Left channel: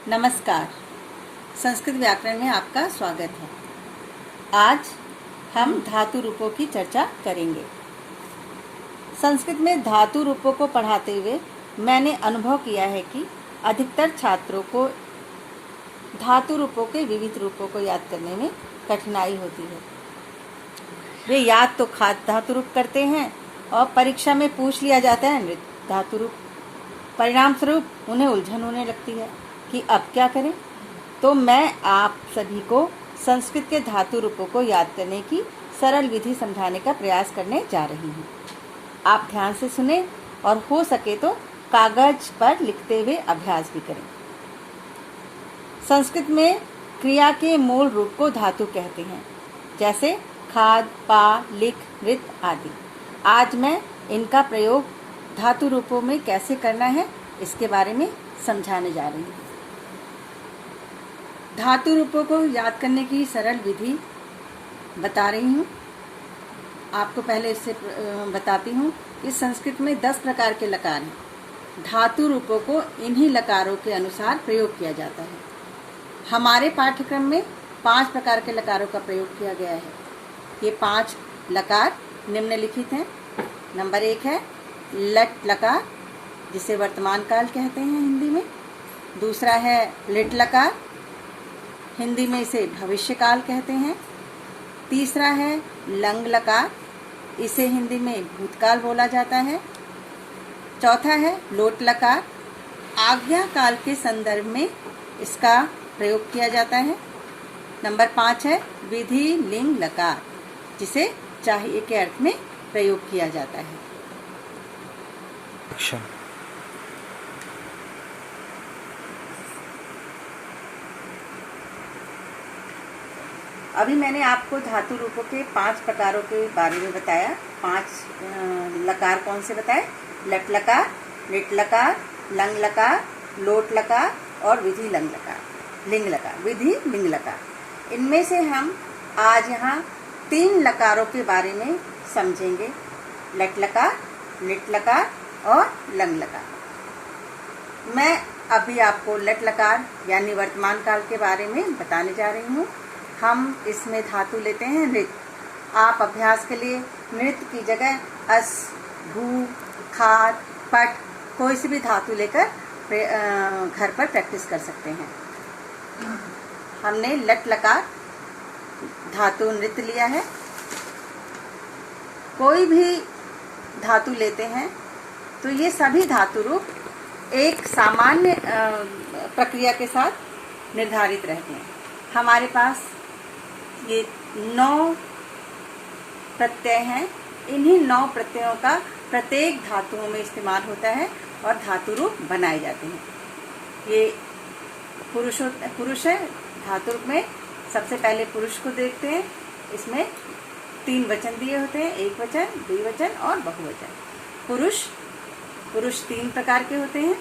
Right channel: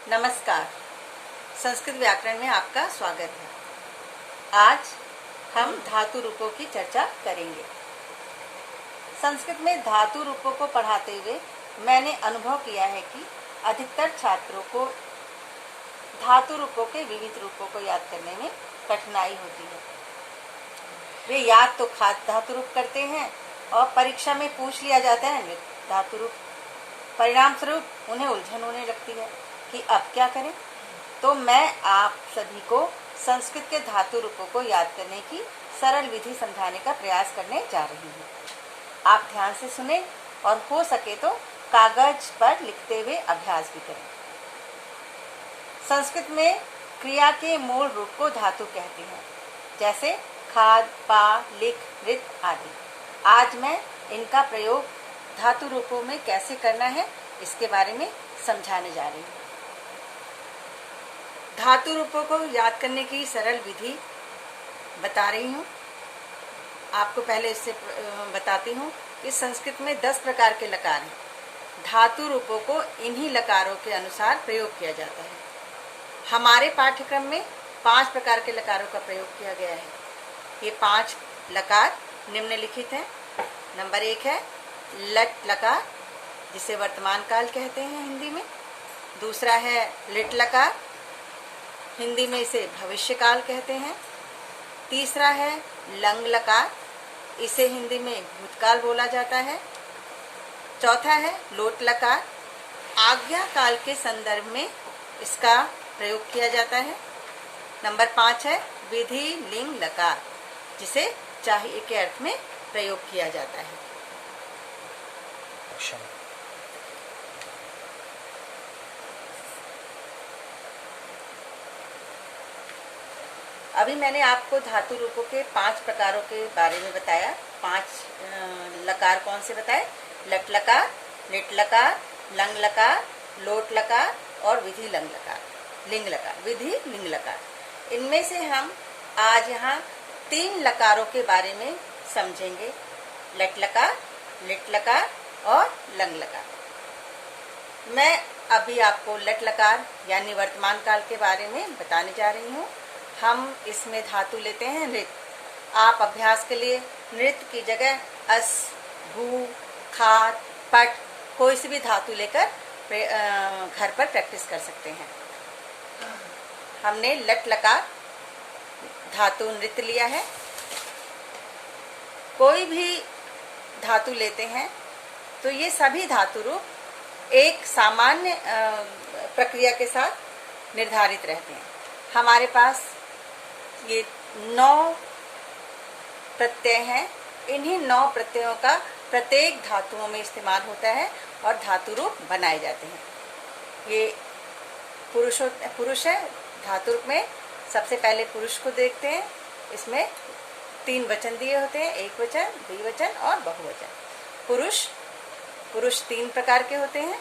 नमस्कार। संस्कृत व्याकरण में आपका स्वागत है। आज हम धातु रूपों की चर्चा करेंगे। संस्कृत में धातु रूपों को पढ़ाते हुए मैंने अनुभव किया है कि अधिकतर छात्रों को धातु रूपों के विविध रूपों को याद करने में कठिनाई होती है। वे याद तो धातु रूप करते हैं और परीक्षा में पूछ लिया जाता है नृत्य धातु रूप। परिणाम स्वरूप उन्हें उलझन होने लगती है कि अब क्या करें। तो मैं आप सभी को संस्कृत के धातु रूपों को याद करने की सरल विधि समझाने का प्रयास करने जा रही हूँ। आप ध्यान से सुने और हो सके तो कागज पर लिखते हुए अभ्यास भी करें। संस्कृत में क्रिया के मूल रूप को धातु कहते हैं, जैसे खाद, पा, लिख, नृत आदि। आज मैं इनका प्रयोग धातु रूपों में कैसे करना है इसके बारे में समझाने जा रही हूँ। धातु रूपों को याद करने की सरल विधि बता रही हूँ। आपको पहले इससे बताती हूँ कि संस्कृत में 10 प्रकार के लकार हैं। धातु रूपों को इन्हीं लकारों के अनुसार प्रयोग किया जाता है। हमारे पाठ्यक्रम में 5 प्रकार के लकारों का प्रयोग किया गया है। ये 5 लकार निम्नलिखित हैं। नंबर 1 है लट लकार, जिसे वर्तमान काल कहते हैं हिंदी में। दूसरा है लिट लकार, हिंदी में इसे भविष्य काल कहते हैं। तीसरा है लंग लकार, इसे हिंदी में भूतकाल बोला जाता है। चौथा है लोट लकार, आज्ञा काल के संदर्भ में इसका प्रयोग किया जाता है। नंबर 5 है विधि लिंग लकार, जिसे चाहिए के अर्थ में प्रयोग किया जाता है। अभी मैंने आपको धातु रूपों के 5 प्रकारों के बारे में बताया। 5 लकार कौन से बताए? लट लकार, लिट लकार, लंग लकार, लोट लकार और विधि लिंग लकार। विधि लिंग लकार। इनमें से हम आज यहाँ 3 लकारों के बारे में समझेंगे। लट लकार, लिट लकार और लंग लकार। मैं अभी आपको लट लकार यानी वर्तमान काल के बारे में बताने जा रही हूँ। हम इसमें धातु लेते हैं नृत। आप अभ्यास के लिए नृत की जगह अस, भू, खार, पट कोई सी भी धातु लेकर घर पर प्रैक्टिस कर सकते हैं। हमने लट लकार धातु नृत लिया है। कोई भी धातु लेते हैं तो ये सभी धातु रूप एक सामान्य प्रक्रिया के साथ निर्धारित रहते हैं। हमारे पास ये 9 प्रत्यय हैं। इन्हीं 9 प्रत्ययों का प्रत्येक धातुओं में इस्तेमाल होता है और धातु रूप बनाए जाते हैं। ये पुरुष है। धातु रूप में सबसे पहले पुरुष को देखते हैं। इसमें 3 वचन दिए होते हैं, एक वचन, द्विवचन और बहुवचन। पुरुष 3 प्रकार के होते हैं,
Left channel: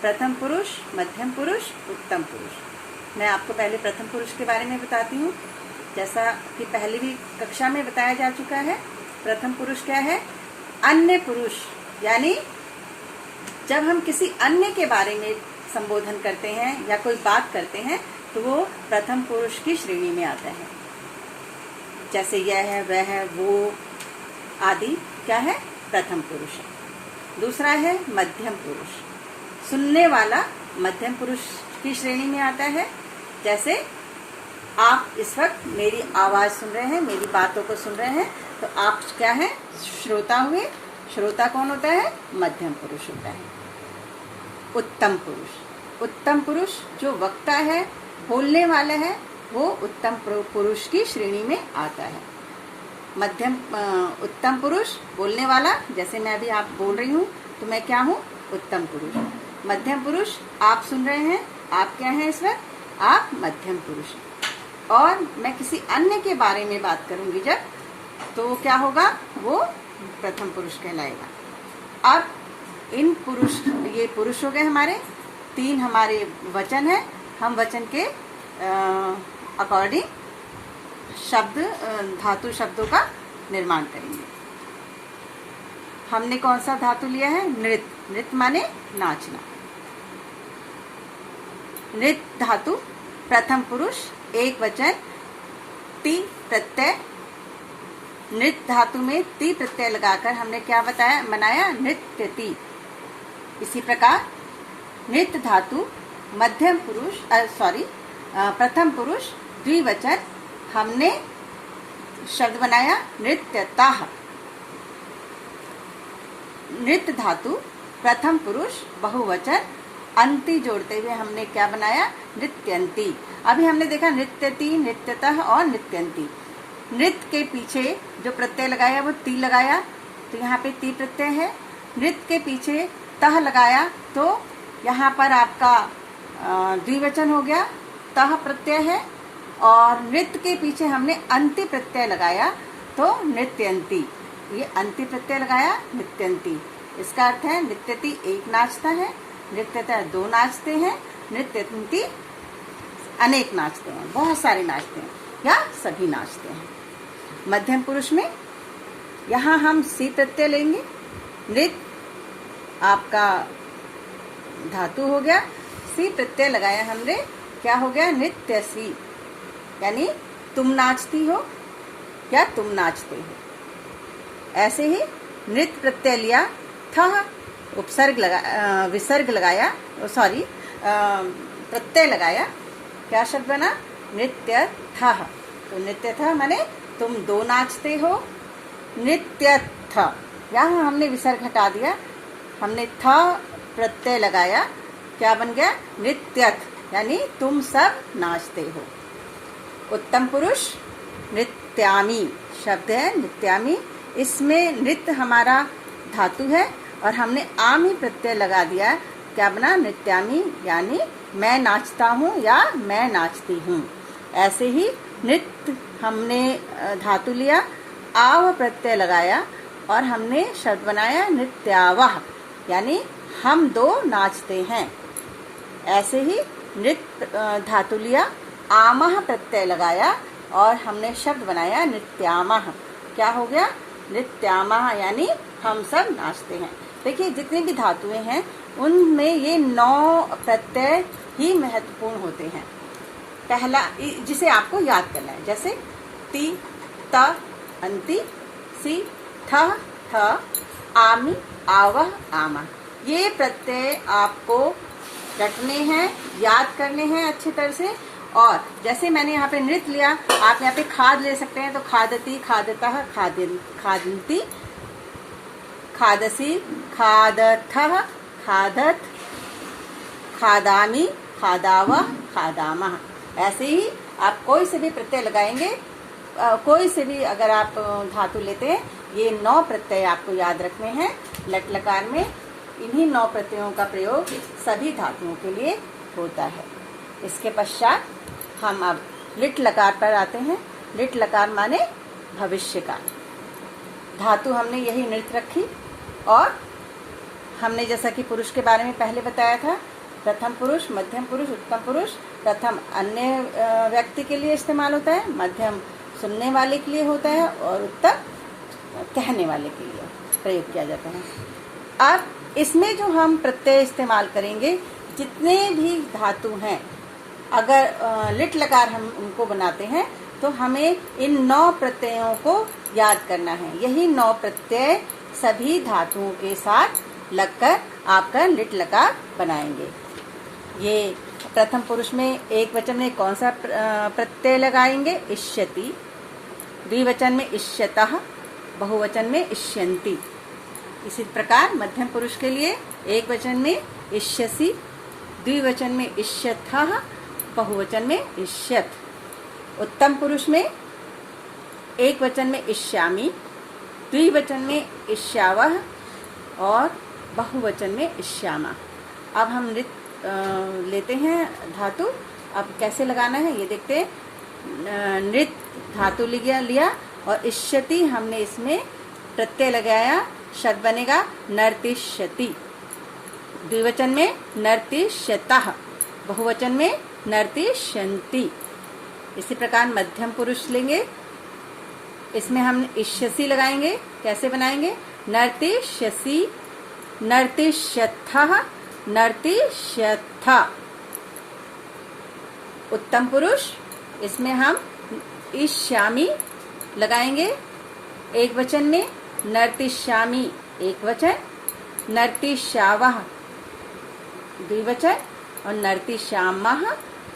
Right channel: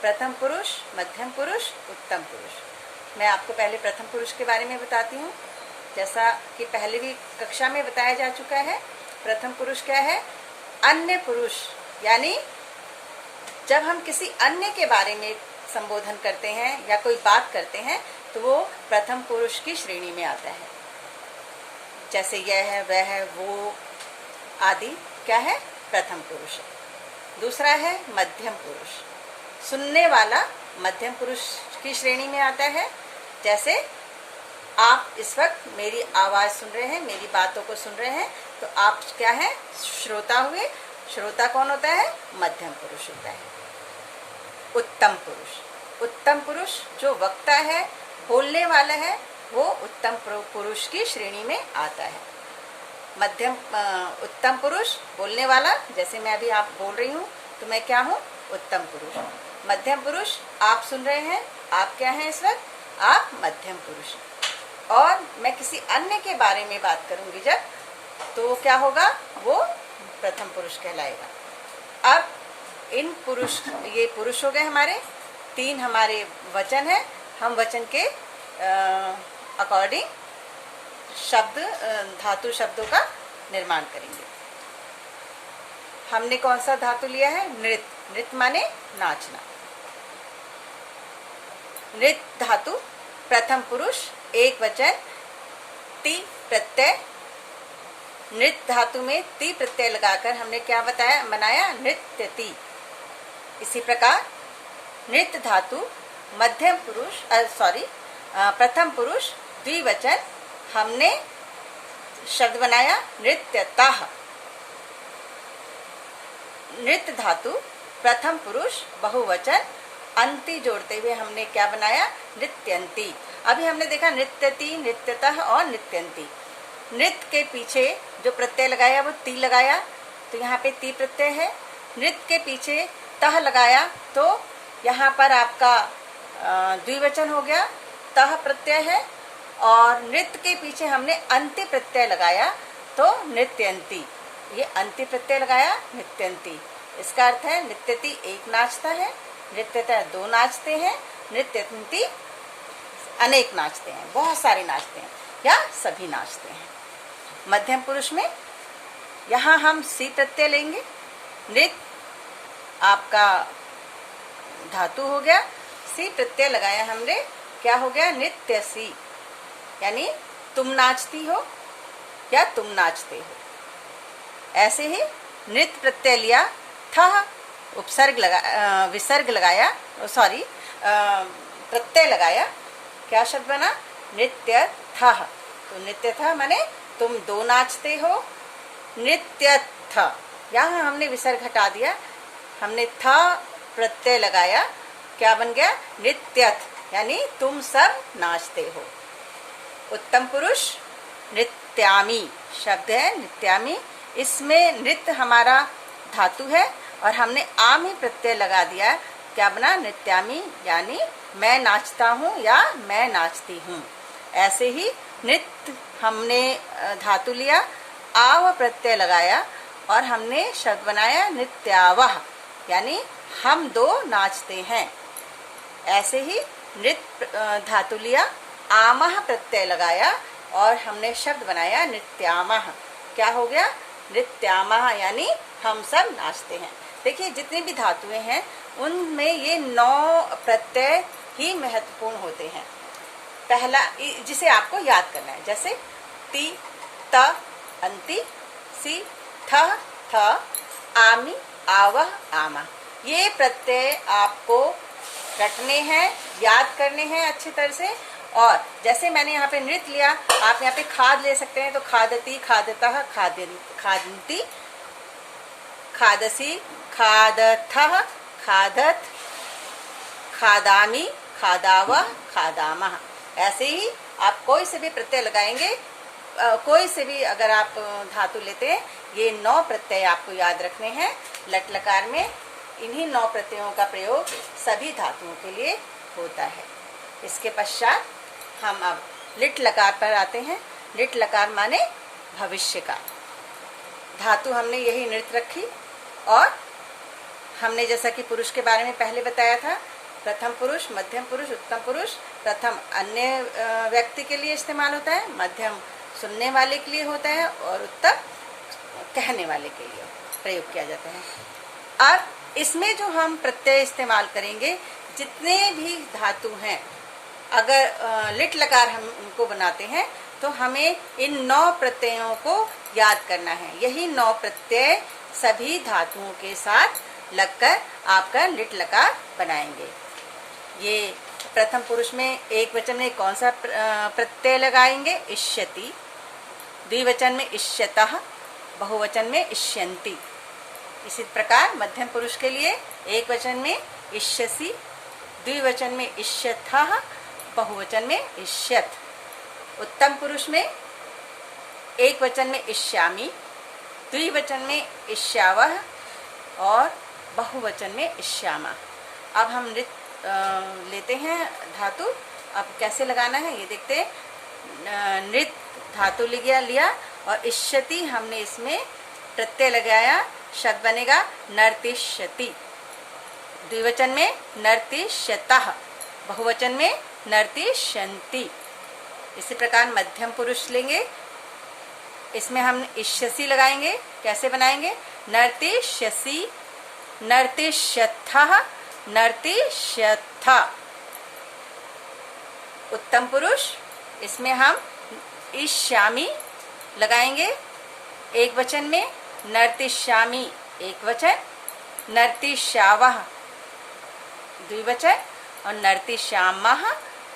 प्रथम पुरुष, मध्यम पुरुष, उत्तम पुरुष। मैं आपको पहले प्रथम पुरुष के बारे में बताती हूँ। जैसा कि पहले भी कक्षा में बताया जा चुका है, प्रथम पुरुष क्या है? अन्य पुरुष, यानी जब हम किसी अन्य के बारे में संबोधन करते हैं या कोई बात करते हैं तो वो प्रथम पुरुष की श्रेणी में आता है। जैसे यह है, वह है, वो आदि क्या है? प्रथम पुरुष है। दूसरा है मध्यम पुरुष, सुनने वाला मध्यम पुरुष की श्रेणी में आता है। जैसे आप इस वक्त मेरी आवाज सुन रहे हैं, मेरी बातों को सुन रहे हैं, तो आप क्या है? श्रोता हुए। श्रोता कौन होता है? मध्यम पुरुष होता है। उत्तम पुरुष जो वक्ता है, बोलने वाला है, वो उत्तम पुरुष की श्रेणी में आता है। उत्तम पुरुष बोलने वाला, जैसे मैं अभी आप बोल रही हूँ तो मैं क्या हूँ? उत्तम पुरुष। मध्यम पुरुष आप सुन रहे हैं, आप क्या हैं इस वक्त? आप मध्यम पुरुष। और मैं किसी अन्य के बारे में बात करूंगी जब, तो क्या होगा? वो प्रथम पुरुष कहलाएगा। अब ये पुरुष हो गए हमारे। 3 हमारे वचन है। हम वचन के अकॉर्डिंग धातु शब्दों का निर्माण करेंगे। हमने कौन सा धातु लिया है? नृत। नृत माने नाचना। नृत धातु प्रथम पुरुष एक वचन ती प्रत्यय। नृत धातु में ती प्रत्यय लगाकर हमने क्या बनाया नृत्यति। इसी प्रकार नृत धातु मध्यम पुरुष प्रथम पुरुष द्विवचन हमने शब्द बनाया नृत्यतः। नृत धातु प्रथम पुरुष बहुवचन अंति जोड़ते हुए हमने क्या बनाया नृत्यंती। अभी हमने देखा नृत्यति, नृत्यतः और नृत्यंती। नृत्य के पीछे जो प्रत्यय लगाया वो ती लगाया, तो यहाँ पे ती प्रत्यय है। नृत्य के पीछे तह लगाया तो यहाँ पर आपका द्विवचन हो गया, तह प्रत्यय है। और नृत्य के पीछे हमने अंत्य प्रत्यय लगाया तो नृत्यंती। ये अंत्य प्रत्यय लगाया नृत्यंती। इसका अर्थ है नृत्यति एक नाचता है, नृत्यतः दो नाचते हैं, नृत्यंती अनेक नाचते हैं, बहुत सारे नाचते हैं या सभी नाचते हैं। मध्यम पुरुष में यहाँ हम सी प्रत्यय लेंगे। नृत्य आपका धातु हो गया, सी प्रत्यय लगाया हमने, क्या हो गया नृत्यसी, यानी तुम नाचती हो या तुम नाचते हो। ऐसे ही नृत्य प्रत्यय लिया, था उपसर्ग विसर्ग लगाया, प्रत्यय लगाया, क्या शब्द बना नृत्य था। तो नृत्य था माने तुम दो नाचते हो। नृत्य था, यहाँ हमने विसर्ग हटा दिया, हमने था प्रत्यय लगाया, क्या बन गया नृत्यथ, यानी तुम सब नाचते हो। उत्तम पुरुष नृत्यामी शब्द है, नृत्यामी। इसमें नृत्य हमारा धातु है और हमने आमी प्रत्यय लगा दिया, क्या बना नृत्यामी, यानी मैं नाचता हूँ या मैं नाचती हूँ। ऐसे ही नृत्य हमने धातु लिया, आव प्रत्यय लगाया और हमने शब्द बनाया नृत्यावह, यानी हम दो नाचते हैं। ऐसे ही नृत्य धातु लिया, आमह प्रत्यय लगाया और हमने शब्द बनाया नृत्यामह, क्या हो गया नृत्यामह, यानी हम सब नाचते हैं। देखिए जितनी भी धातुएं हैं उनमें ये 9 प्रत्यय ही महत्वपूर्ण होते हैं। पहला जिसे आपको याद करना है, जैसे ती, त, अंति, सी, थ, आमी, आवह, आमा। ये प्रत्यय आपको रटने हैं, याद करने हैं अच्छी तरह से। और जैसे मैंने यहाँ पे नृत्य लिया, आप यहाँ पे खाद ले सकते हैं, तो खादती, खादतः, खादंती, खादसी, खादथः, खादत, खादामी, खादावह, खादामः। ऐसे ही आप कोई से भी प्रत्यय लगाएंगे, कोई से भी अगर आप धातु लेते हैं, ये 9 प्रत्यय आपको याद रखने हैं। लट लकार में इन्हीं 9 प्रत्ययों का प्रयोग सभी धातुओं के लिए होता है। इसके पश्चात हम अब लिट लकार पर आते हैं। लिट लकार माने भविष्य का। धातु हमने यही नृत्य रखी और हमने जैसा कि पुरुष के बारे में पहले बताया था, प्रथम पुरुष, मध्यम पुरुष, उत्तम पुरुष। प्रथम अन्य व्यक्ति के लिए इस्तेमाल होता है, मध्यम सुनने वाले के लिए होता है और उत्तम कहने वाले के लिए प्रयोग किया जाता है। अब इसमें जो हम प्रत्यय इस्तेमाल करेंगे, जितने भी धातु हैं, अगर लिट लकार हम उनको बनाते हैं तो हमें इन 9 प्रत्ययों को याद करना है। यही 9 प्रत्यय सभी धातुओं के साथ लगकर आपका लिट लकार बनाएंगे। ये प्रथम पुरुष में एक वचन में कौन सा प्रत्यय लगाएंगे, इष्यति। द्विवचन में इष्यतः, बहुवचन में इष्यन्ति। इसी प्रकार मध्यम पुरुष के लिए एक वचन में इष्यसि, द्विवचन में इष्यथः, बहुवचन में इष्यथ। उत्तम पुरुष में एक वचन में इष्यामि, द्विवचन में इष्यावह और बहुवचन में इष्यामा। अब हम लेते हैं धातु। अब कैसे लगाना है ये देखते हैं। नृत धातु लिया और इष्यति हमने इसमें प्रत्यय लगाया, शब्द बनेगा नर्तिष्यति। द्विवचन में नर्तिष्यतः, बहुवचन में नर्तिष्यन्ति। इसी प्रकार मध्यम पुरुष लेंगे, इसमें हम इष्यसि लगाएंगे। कैसे बनाएंगे, उत्तम पुरुष, इसमें हम ईश्यामी लगाएंगे एक वचन में, नर्तिष्यामी एक वचन, नर्तिष्यावः द्विवचन और नर्तिष्यामः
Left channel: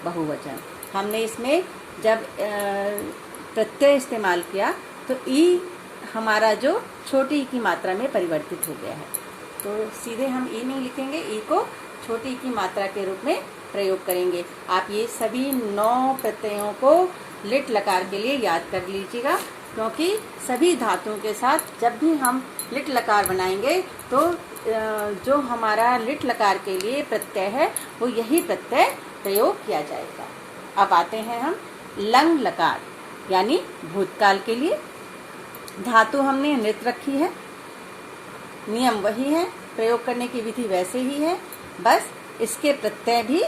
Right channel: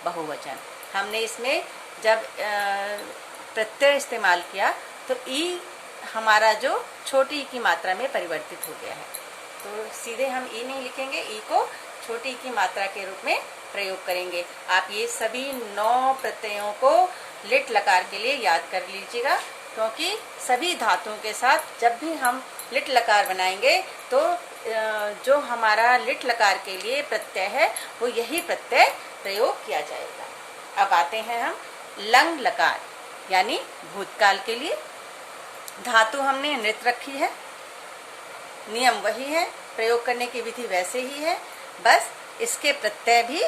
बहुवचन। हमने इसमें जब प्रत्यय इस्तेमाल किया तो ई हमारा जो छोटी ई की मात्रा में परिवर्तित हो गया है, तो सीधे हम ई नहीं लिखेंगे, ई को छोटी ई की मात्रा के रूप में प्रयोग करेंगे। आप ये सभी 9 प्रत्ययों को लिट लकार के लिए याद कर लीजिएगा, क्योंकि सभी धातुओं के साथ जब भी हम लिट लकार बनाएंगे तो जो हमारा लिट लकार के लिए प्रत्यय है वो यही प्रत्यय प्रयोग किया जाएगा। अब आते हैं हम लंग लकार यानी भूतकाल के लिए। धातु हमने नृत रखी है, नियम वही है, प्रयोग करने की विधि वैसे ही है, बस इसके प्रत्यय भी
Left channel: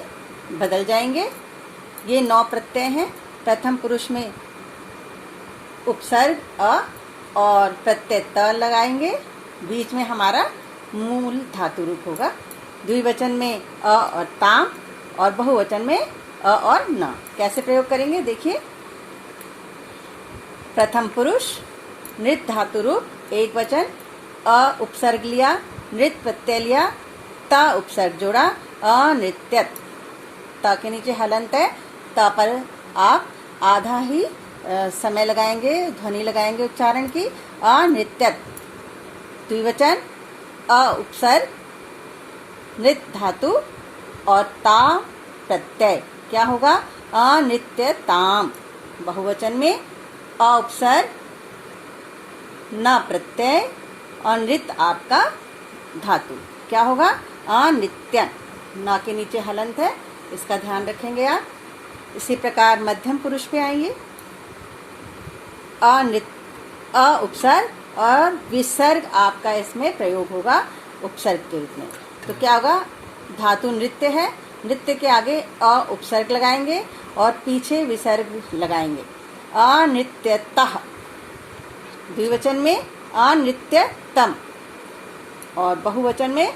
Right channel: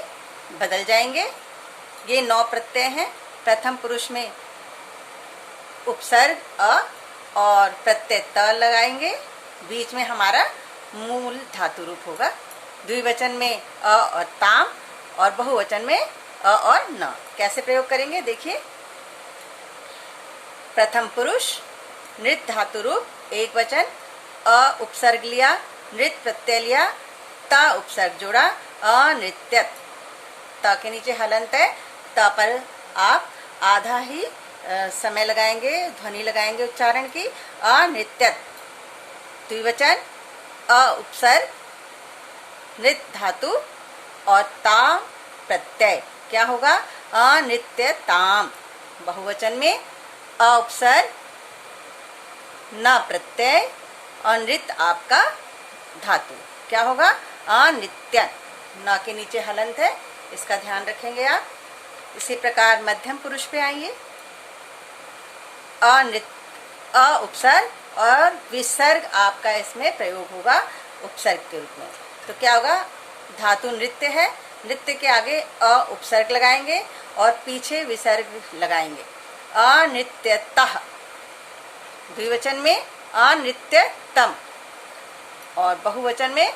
बदल जाएंगे। ये 9 प्रत्यय हैं। प्रथम पुरुष में उपसर्ग अ और प्रत्यय त लगाएंगे, बीच में हमारा मूल धातु रूप होगा। द्विवचन में अ और ताम और बहुवचन में अ और न। कैसे प्रयोग करेंगे देखिए। प्रथम पुरुष नृत धातु रूप एक वचन, अ उपसर्ग लिया, नृत प्रत्यय लिया, त उपसर्ग जोड़ा, अनृत्यत। त के नीचे हलंत है, त पर आप आधा ही समय लगाएंगे, ध्वनि लगाएंगे उच्चारण की, अनृत्यत। द्विवचन अ उपसर्ग नृत धातु और ताम प्रत्यय, क्या होगा अनित्यताम। बहुवचन में अ उपसर्ग न प्रत्यय और नृत आपका धातु, क्या होगा अनित्यन। न के नीचे हलंत है, इसका ध्यान रखेंगे आप। इसी प्रकार मध्यम पुरुष पे आइए। अ उपसर्ग और विसर्ग आपका इसमें प्रयोग होगा उपसर्ग के रूप में। तो क्या होगा, धातु नृत्य है, नृत्य के आगे अ उपसर्ग लगाएंगे और पीछे विसर्ग लगाएंगे, अनृत्यतः। द्विवचन में अनृत्यतम और बहुवचन में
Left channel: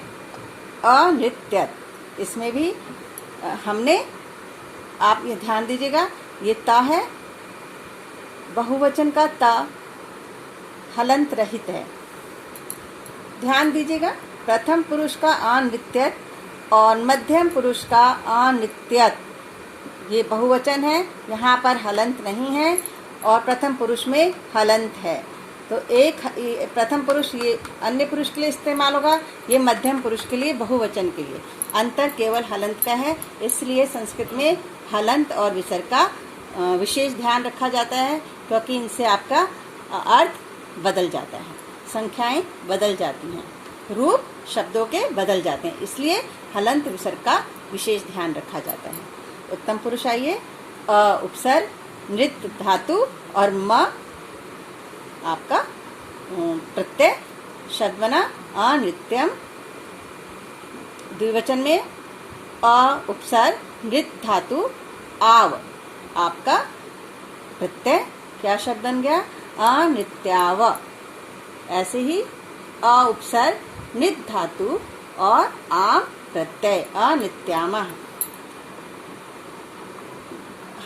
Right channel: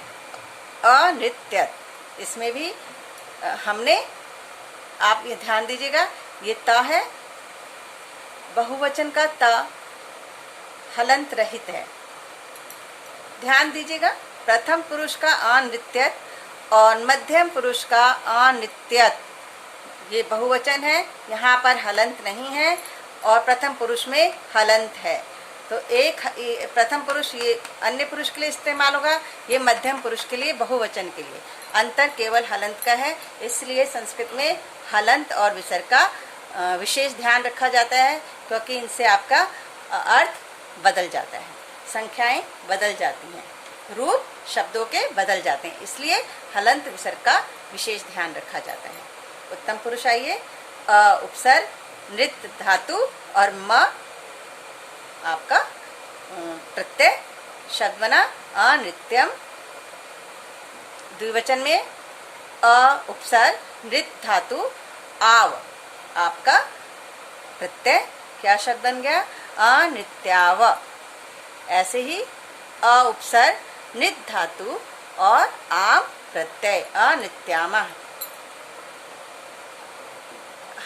अनृत्यत। इसमें भी हमने, आप ये ध्यान दीजिएगा, ये त है, बहुवचन का त हलंत रहित है। ध्यान दीजिएगा, प्रथम पुरुष का अनृत्यत और मध्यम पुरुष का अनृत्यत, ये बहुवचन है, यहाँ पर हलंत नहीं है और प्रथम पुरुष में हलंत है। तो एक प्रथम पुरुष ये अन्य पुरुष के लिए इस्तेमाल होगा, ये मध्यम पुरुष के लिए, बहुवचन के लिए। अंतर केवल हलंत का है, इसलिए संस्कृत में हलंत और विसर्ग का विशेष ध्यान रखा जाता है, क्योंकि इनसे आपका अर्थ बदल जाता है, संख्याएं बदल जाती हैं, रूप शब्दों के बदल जाते हैं, इसलिए हलंत विसर्ग का विशेष ध्यान रखा जाता है। उत्तम पुरुष आइए। उपसर्ग नृत धातु और म आपका प्रत्यय, शब्द बना अनृत्यम। द्विवचन में अ उपसर्ग नृत धातु आव आपका प्रत्यय, क्या शब्द बन गया अनृत्याव। ऐसे ही अ उपसर्ग नृत धातु और आम प्रत्यय अनृत्यामः।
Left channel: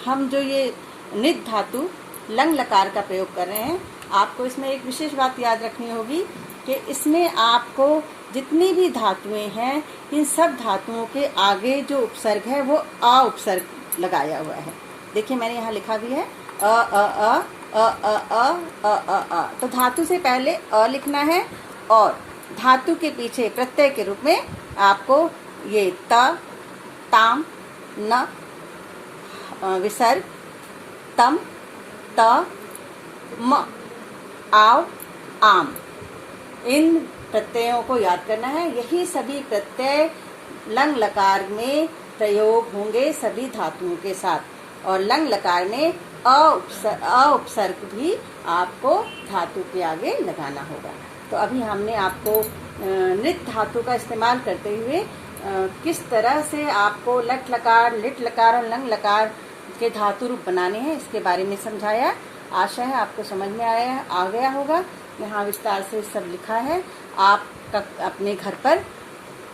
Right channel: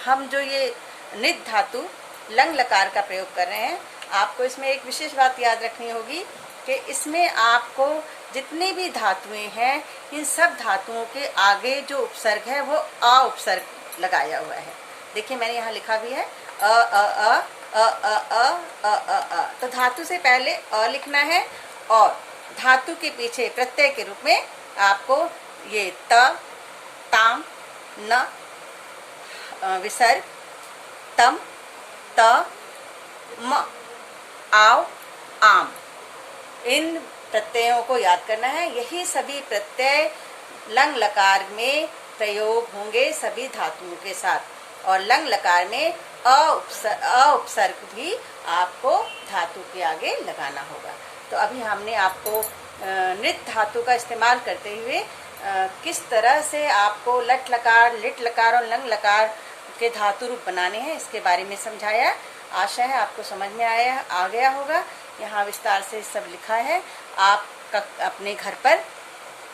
हम जो ये नृत धातु लंग लकार का प्रयोग कर रहे हैं, आपको इसमें एक विशेष बात याद रखनी होगी कि इसमें आपको जितनी भी धातुएं हैं, इन सब धातुओं के आगे जो उपसर्ग है वो अ उपसर्ग लगाया हुआ है। देखिए मैंने यहाँ लिखा भी है अ अ अ अ अ अ अ अ अ। तो धातु से पहले अ लिखना है और धातु के पीछे प्रत्यय के रूप में आपको ये त, ताम, न, विसर्ग, तम, त, म, आव, आम, इन प्रत्ययों को याद करना है। यही सभी प्रत्यय लंग लकार में प्रयोग होंगे सभी धातुओं के साथ, और लंग लकार में अ उपसर्ग भी आपको धातु के आगे लगाना होगा। तो अभी हमने आपको नृत धातु का इस्तेमाल करते हुए किस तरह से आपको लट लकार, लिट लकार और लंग लकार के धातु रूप बनाने हैं, इसके बारे में समझाया। आशा है आपको समझ में आ गया होगा। यहाँ विस्तार से सब लिखा है, आप अपने घर पर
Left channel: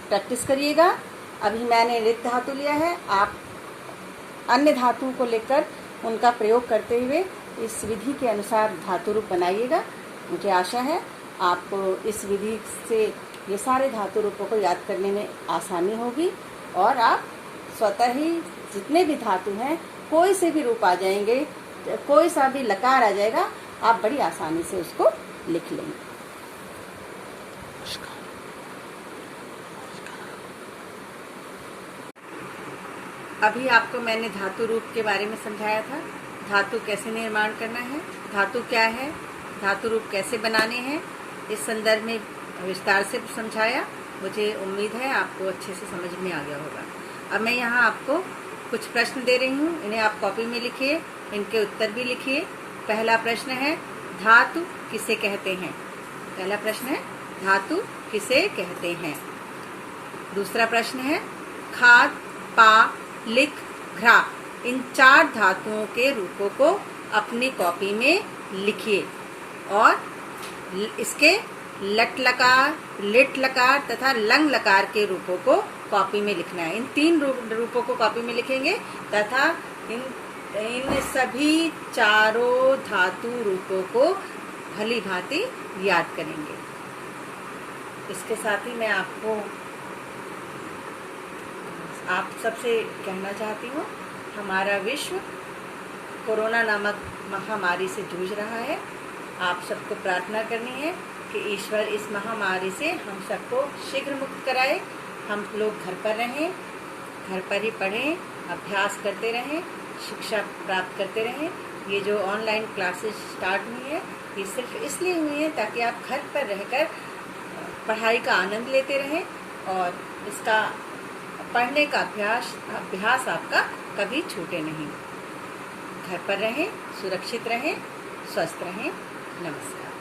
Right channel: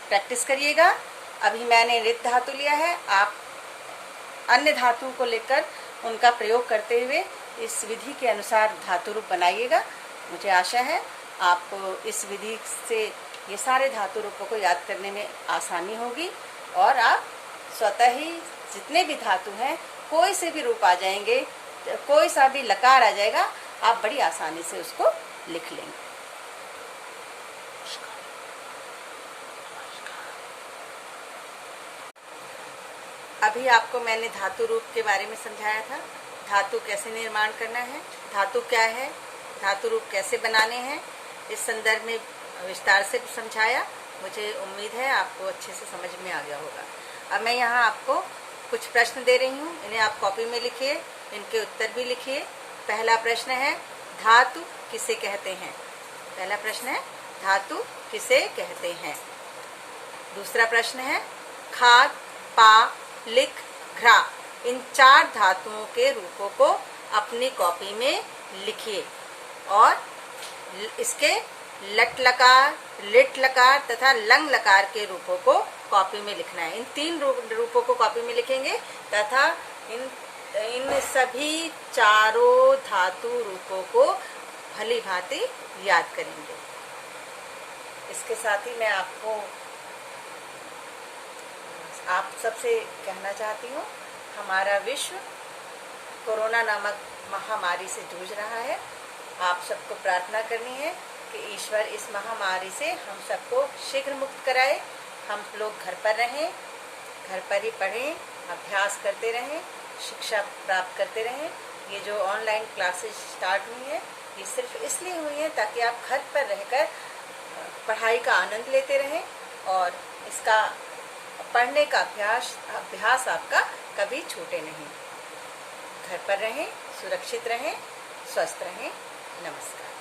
प्रैक्टिस करिएगा। अभी मैंने नृत धातु लिया है, आप अन्य धातुओं को लेकर उनका प्रयोग करते हुए इस विधि के अनुसार धातु रूप बनाइएगा। मुझे आशा है आपको इस विधि से ये सारे धातु रूपों को याद करने में आसानी होगी और आप स्वतः ही जितने भी धातु हैं, कोई से भी रूप आ जाएंगे, कोई सा भी लकार आ जाएगा, आप बड़ी आसानी से उसको लिख लेंगे। अभी आपको मैंने धातु रूप के बारे में समझाया था, धातु कैसे निर्माण करना है, धातु क्या है, धातु रूप कैसे बनाने हैं, इस संदर्भ में विस्तार से समझाया। मुझे उम्मीद है आपको अच्छे से समझ में आ गया होगा। अब मैं यहाँ आपको कुछ प्रश्न दे रही हूँ, इन्हें आप कॉपी में लिखिए, इनके उत्तर भी लिखिए। पहला प्रश्न है, धातु किसे कहते हैं? पहला प्रश्न है, धातु किसे कहते हैं? दूसरा प्रश्न है, खाद, पा, लिख, घ्रा, इन 4 धातुओं के रूपों को अपनी कॉपी में लिखिए और इसके लट लकार, लिट लकार तथा लंग लकार के रूपों को कॉपी में लिखना है। इन 3 रूपों को कॉपी में लिखेंगे तथा इन सभी चारों धातु रूपों को भली भांति याद करेंगे। इसके साथ ही मैं आप सबसे कहना चाहती हूँ, हमारा विश्व कोरोना नामक महामारी से जूझ रहा है। आप सबको प्रार्थना करनी है कि ईश्वर इस महामारी से हम सबको शीघ्र मुक्त कराए। हम लोग घर पर रहें, घर पर ही पढ़ें, अभ्यास करते रहें, शिक्षा प्राप्त करते रहें। ये जो ऑनलाइन क्लासेस स्टार्ट हुई है, ये सिर्फ इसलिए हुई है ताकि आप घर पर रहकर पढ़ाई का आनंद लेते रहें और इसका पढ़ने का अभ्यास आपका कभी छूटे नहीं। घर पर रहें, सुरक्षित रहें, स्वस्थ रहें। नमस्कार।